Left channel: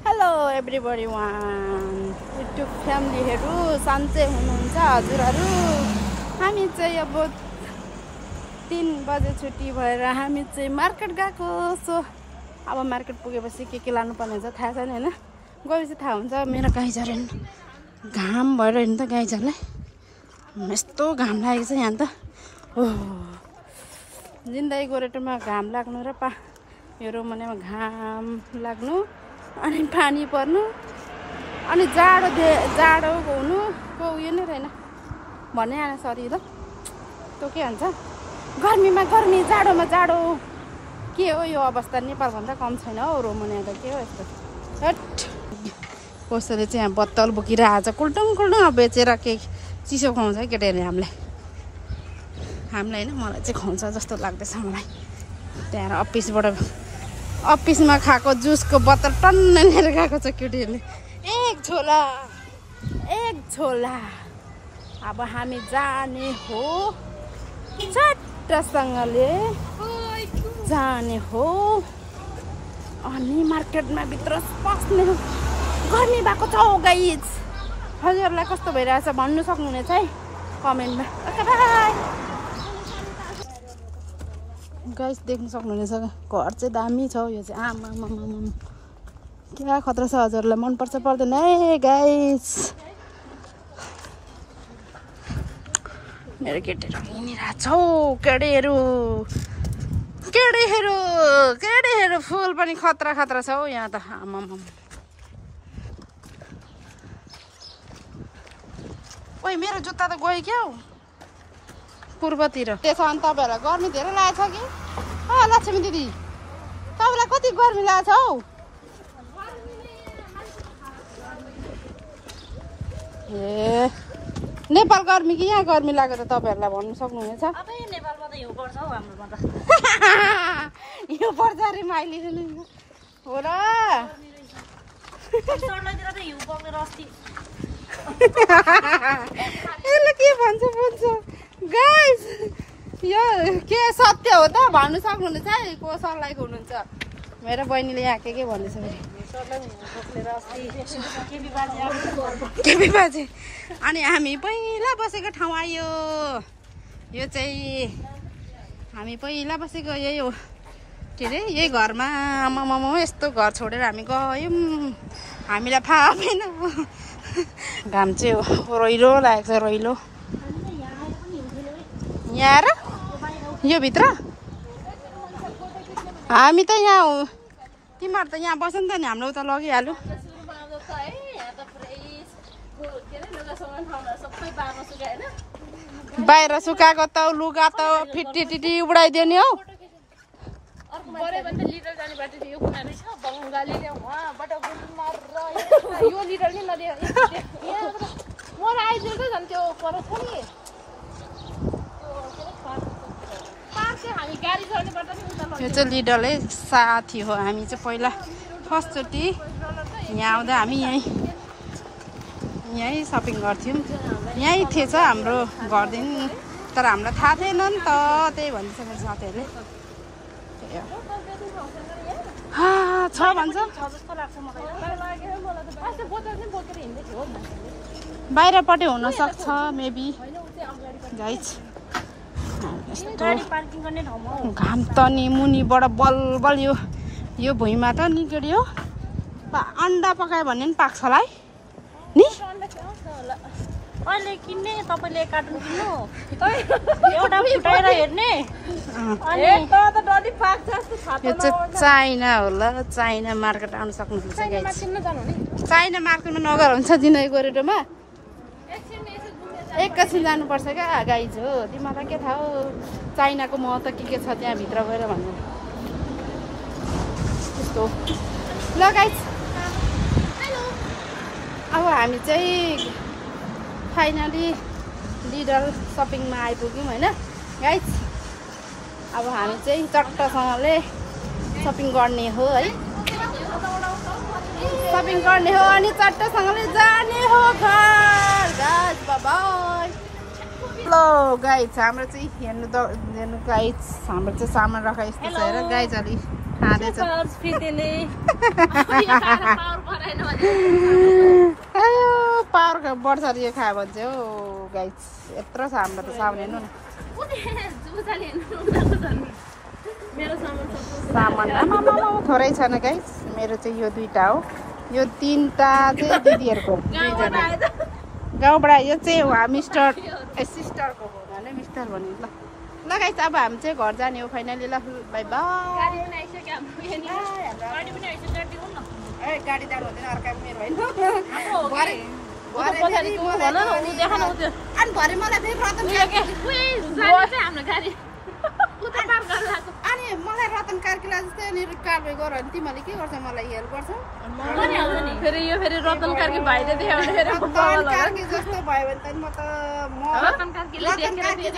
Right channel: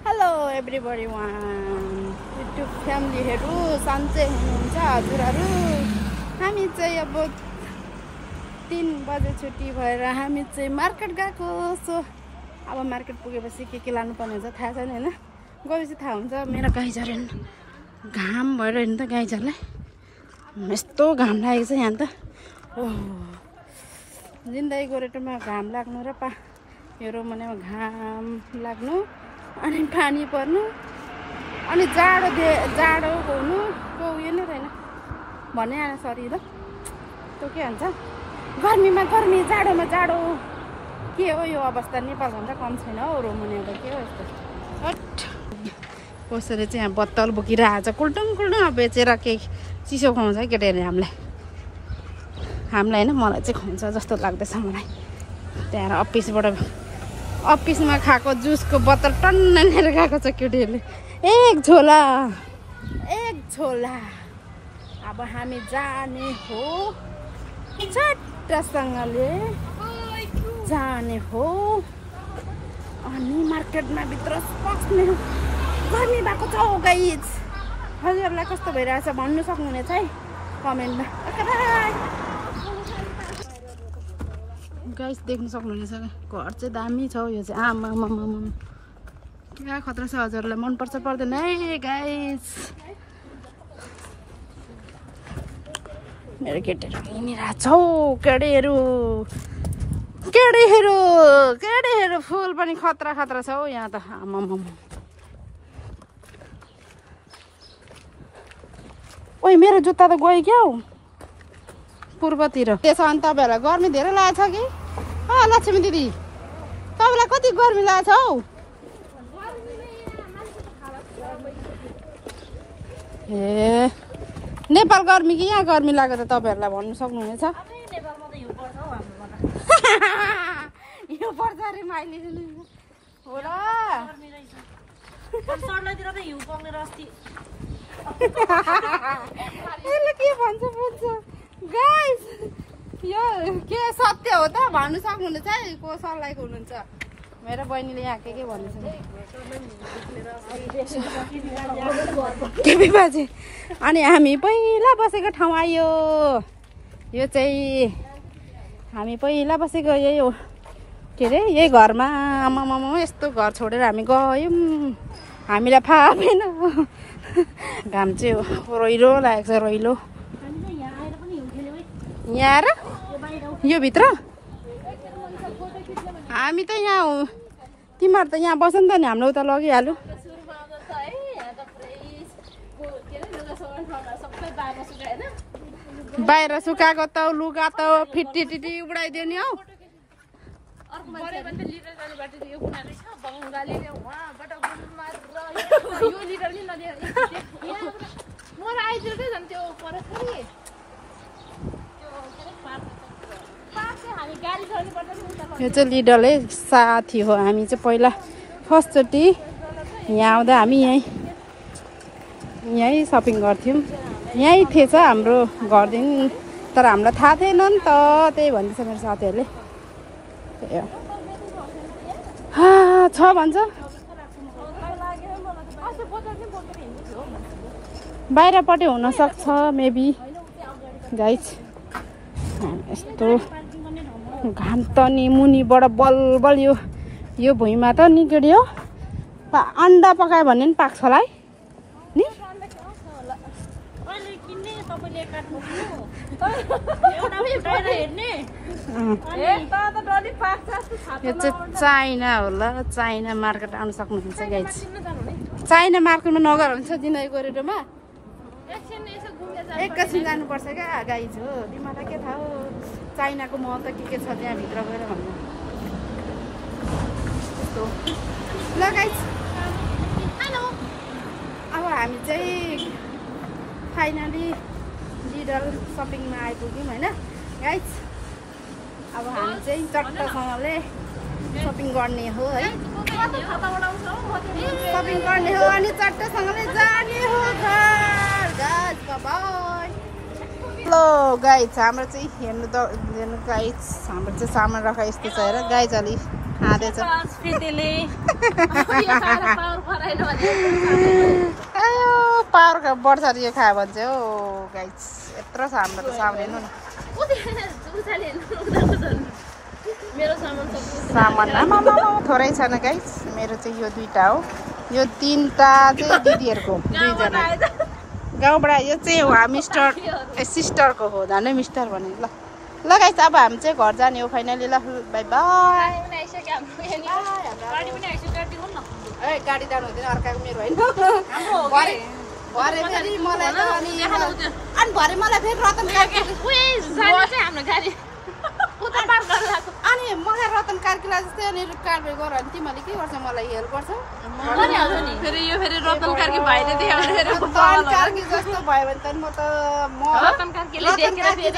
Hello everybody one YouTube फ्यामिलीहरू सन्चै हुनुहुन्छ हजुरहरू। हामी चाहिँ अब 3 बजे छुट्टी भएर हामी चाहिँ मार्केट गएको। सो अब मार्केट पुगेपछि के लानुपर्ने हुन्छ थाहा छैन हैन, गएपछि थाहा हुन्छ। मेरो गाई झरे घाम भएर हेर्नु त गाई झरलाई यस्तो घाम लागेको छ यहाँ त। जिन्दगी गोरेटोमा घाम लाग्नु र यो मनेमा घाम लाग्नु अनि पानी पर्नु अनि जाडो हुनु को उयो नै रहेन भन्ने आएन। सरी ल त्यो के भन्छ, गर्मीमा गर्मी जाडोमा जाडो के हो यो अवस्था। नेपालभन्दा कम छैन हौ रोमनिया त। के हो यस्तो कसैले चाहिँ यहाँ बोतल बोकिरहेको छ कुल्टुङ बेचेर के चिसो खुवाउँछ है केटाहरूले हामीलाई होइन, मलाई चाहिँ खुवाउँछ जस्तो लाग्दैछ मलाई। त्यहाँ अफिसमा खाएको जुसको बोतल टन्न लिएर गएको छ केटीहरूले। एक झोला। अब हामी जाने हो चट्टसँगले जाने हो अनि मार्केटमा भित्र पस्ने हो। गर्मी भएको छ गाइज। हजुरहरूलाई कस्तो भइरहेछ भन्नु सक्नुहुनेछ है कमेन्टमा। ओके बाइ गाइस, देख्न सक्नुहुनेछ घर चाहिँ दामी छ। यो चाहिँ आमा क्या खतरा छ। हजुरहरूलाई मनपर्छ पर्दैन है गाइस। मेरो केटीहरू हिँडिरहेको छ हौ। केटीहरू फुल पनि खतरा छ हौ यहाँ त। आमा ओइ मेरो जुत्ता त गयो क्या हौ पूर्वतिर। त्यसो भने तपाईँहरूलाई गर्मी धेरै लागेको छ कि लक्ष्मी दिदी? तपाईँलाई कति गर्मी लागेको छ हौ? ए नेपाल गर्मी कि यहाँ गर्मी लागेको त तपाईँहरूलाई भन्नु सक्नुहुनेछ। नेपालमा त हिउँ पर्छ हौ, हाम्रोमा त हिउँ पर्छ अरे माइली हो र। सर्लाइतिर त हिउँ पर्ने रस्ती यसले के भन्छ बुझ्छ गाइस। यो के सत्य हो त भन्नु सक्नुहुनेछ है को सर्लाइको हुनुहुन्छ। मेरो बहिनीले यहाँ के भन्दैछ केपी बाजे। अनि हामी पहिला बसेको ठाउँ आयो। यो चाहिँ हामी पहिला बसेको यही हो के अरे यही घरमा। आमामामा यस्तो घर छोडेर हामी गयौँ, हामीलाई थाहा भएन। घाम चाहिँ रोइलो लागेको छ रोइलो। यहाँ र यो भित्र हामी त यहाँ हो। तिमीहरू त यहाँ बस्यो नि त नि हाम्रो उता लगिहाल्यो। बाहिर सुकाएको त लुगा त फिटी उडाइदियो नि हौ। यो चाहिँ लिडलै साथी हो। हामी चाहिँ पहिला फर्स्टचोटि यहाँ आउँदा हामी यहीँ सपिङ गर्थ्यौँ। यहीँ थिएछ हाम्रो घरदेखि, तर हामीलाई थाहा थिएन नि त। त्यही भन्दैछ मेरो साथीहरूले। छ भन्छ बाहिरपट्टि हुनसक्छ मेबी गाइस। यस्तो घाम त नि मुनिबाट बलबल यो भुइँमा त नि के हो अन्डा पकायो भने पनि पाक्छ होला है नि। यो चाहिँ चाइना होला। चाइना मार्केट आउनु सक्नुहुन्छ गाइस। चाइना मार्केटमा नगर हुन्छ जिन्दगी गोरेटोमा। एकैछिन जानुपर्छ क्या गाइज हो। तिमीलाई के थाहा हो चाइनाको महत्त्व के छ त्यहाँ भित्र गएर भन्नु त्यस्तो। ल गाइज हेलो, अब हामी चाहिँ फाइनली लिडल सपिङमा आइपुग्यौँ होइन गाइज। अब हामी चाहिँ चट्टसँगले सपिङ गर्ने हो है। सपिङ गर्ने हो अनि चट्टसँगले जाने हो घर। Guys by. हेलो गाइज, हाम्रो चाहिँ हेर्नु गाइज हाम्रो चाहिँ सामान राख यस्तो छ हेर गाइज। अलि खाँदैछ पावर बढ्छ अरे यो खायो भने चाहिँ हो गाइस यत्रो छ हाम्रो त सामान हेर्नु न सामान आमा थोरै छैन गाइस मेरो चाहिँ यो 2टा हो यो 3टा चाहिँ दिदीहरुको 2जना गाउँबाट यो चाहिँ मिस्टर सिस्टरको हो झन् मिस्टर भने ल गाइस अब हामी चाहिँ घर जाने हो फाइनली ल बाइ बाइ गाडी जानु हुँदैन अर्काको मेरो होइन भरे फेरि मलाई अनि भरे मलाई फेरि रतन अनि मलाई रतन कार्कीलाई जस्तै अनि कारबाही गर अनि तिमीले के गर्छौ मलाई हेल्प गर्छौ फेरि यो फेरि रतन कार्की भाइले देखाउने फेरि कार्की जस्तो भयो भने त म रतन कार्की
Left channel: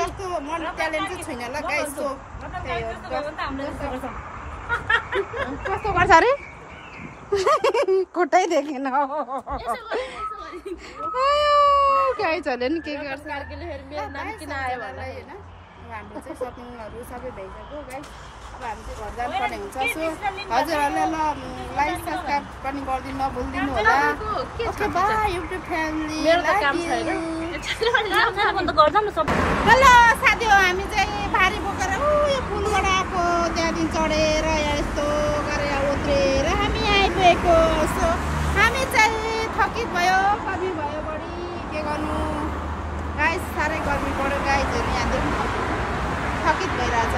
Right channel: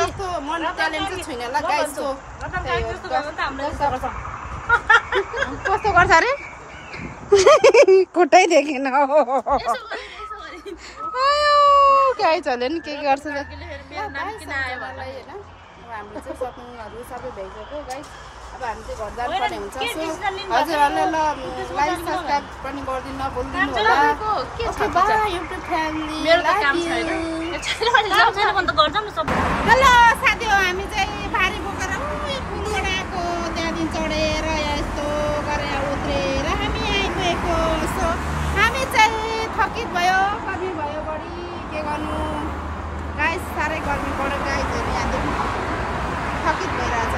जस्तो म ट्यालेन्ट चाहिँ छैन ल गाइस सो कस्तो गर्छ अरे खुट्टै देखेन गाइसहरूले नि के गर्छ हाम्रो चाहिँ सपिङहरू सबै भइसक्यो गाइस अब हामी चाहिँ घर जानुपर्ने हुन्छ सो हजुरहरूले ल लाइक सब्सक्राइब पनि गरिदिनु नभुलिदिनु होला okay bye YouTube family hello साथी हो हामी चाहिँ भारी बोकेर यो पुलबाट आएको त्यहाँदेखि चढेर यस्तो गरेर उत्रेर हामी आइपुगेको सो हामी चाहिँ थकित भयो गर्मी भयो बढी के गर्नु गाइस साह्रै गर्मी पऱ्यो गाइसहरू यहाँदेखि थकित भइरहेछ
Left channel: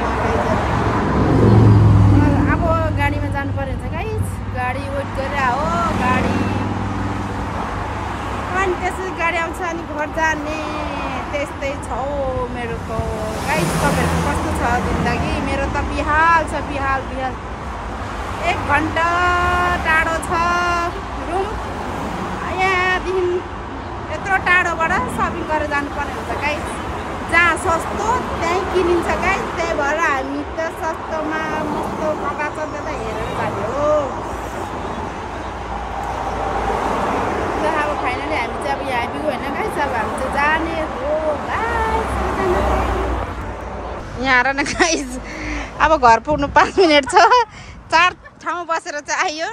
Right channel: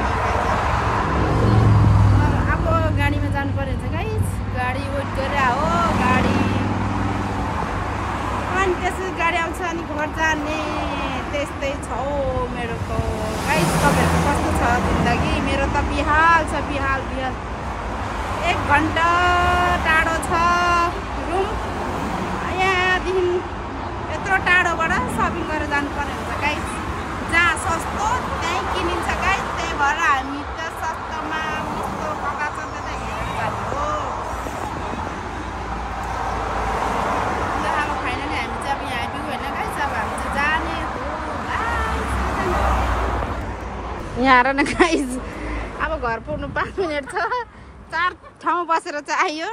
अब गाडीमा जानु पर्यो हुन्छ गाइस गाडी वेट गरेर हो गाडी अनि त्यसपछि गाडी आउँछ अनि घर जाने त्यस्तै छ हौ मेरो त गाइस तपाईँहरूको कस्तो छ जिन्दगी मेरो त बिहाल छ बिहाल 1 घन्टा टाढो छ रुम यहाँदेखि यत्रो टाढोबाट सपिङ गरेर जानुपर्ने हुन्छ गाइस जहाँ सस्तो त्यहीँ किनिन्छ गाइस त्यही भएर हामी त सस्तोमा मस्त कता छ त्यता हेरेर जाने हो ल अब फाइनली हामी चाहिँ अब यहाँ आइपुग्यो होइन गाइस अब हामी चाहिँ जाने हो गाइस यहाँ आएर न गाइस अब घर पुग्नु 5 मिनट छ 4 ठाउँ बसेर चाहिँ आयो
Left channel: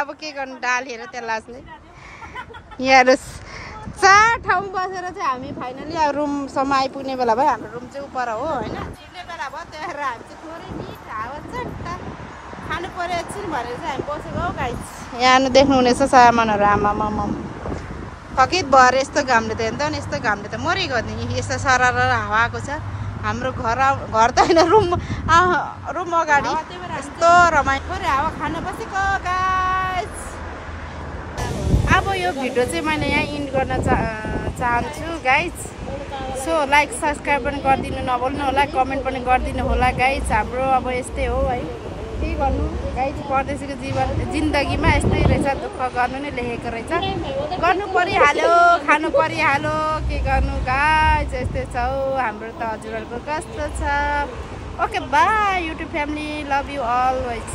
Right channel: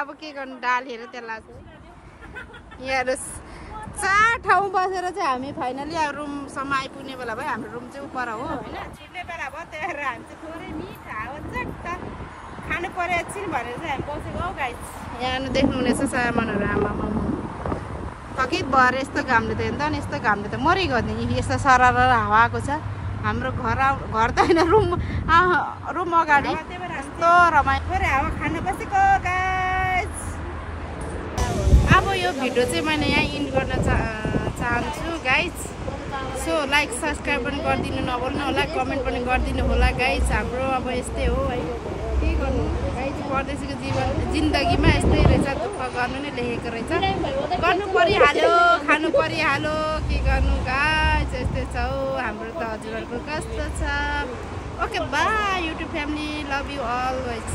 अब के गर्नु डालेर त्यसलाई यहाँ 4 ठाउँ बसेर चाहिँ हामी फाइनली अब रुमसम्म आइपुग्ने बेला भयो हाम्रो रुम चाहिँ उपर हो होइन छुट्ने बेला भयो त्यही भएर हामी चाहिँ थोरै मिठा हो चट्ट खानु पर्यो एकछिन भनेर चाहिँ हामी बसेको हौ गाइस यहाँ देख्नु हुनेछ सामानहरू आमामा थकित भएर यस्तो घामले त हेर्नु त यस्तो घामले त मरिगयो नि यस्तो सरर हावा आएको छ हाम्रो घर त होइन रुम अगाडि यस्तो रमाइलो थोरै हावा खान बसेको गाइस अब यो भिडियो चाहिँ मैले यहाँ इन्ड गर्न चाहन्छु गाइस सो लाइक सब्सक्राइब पनि गरिदिनु नभुल्नु होला कमेन्ट पनि गरिदिनु होला गाइस हाम्रो अब यस्तै हो है के गर्नु गाइस परदेशीको जिन्दगीमा यस्तै रहेछ दुःख गर्नु नै लेखेको रहेछ गर्नु परिहाल्यो खानु परिहाल्यो के गर्नु गाइस यस्तै छ हौ हाम्रो त हजुरहरूको कस्तो छ okay by YouTube family love you always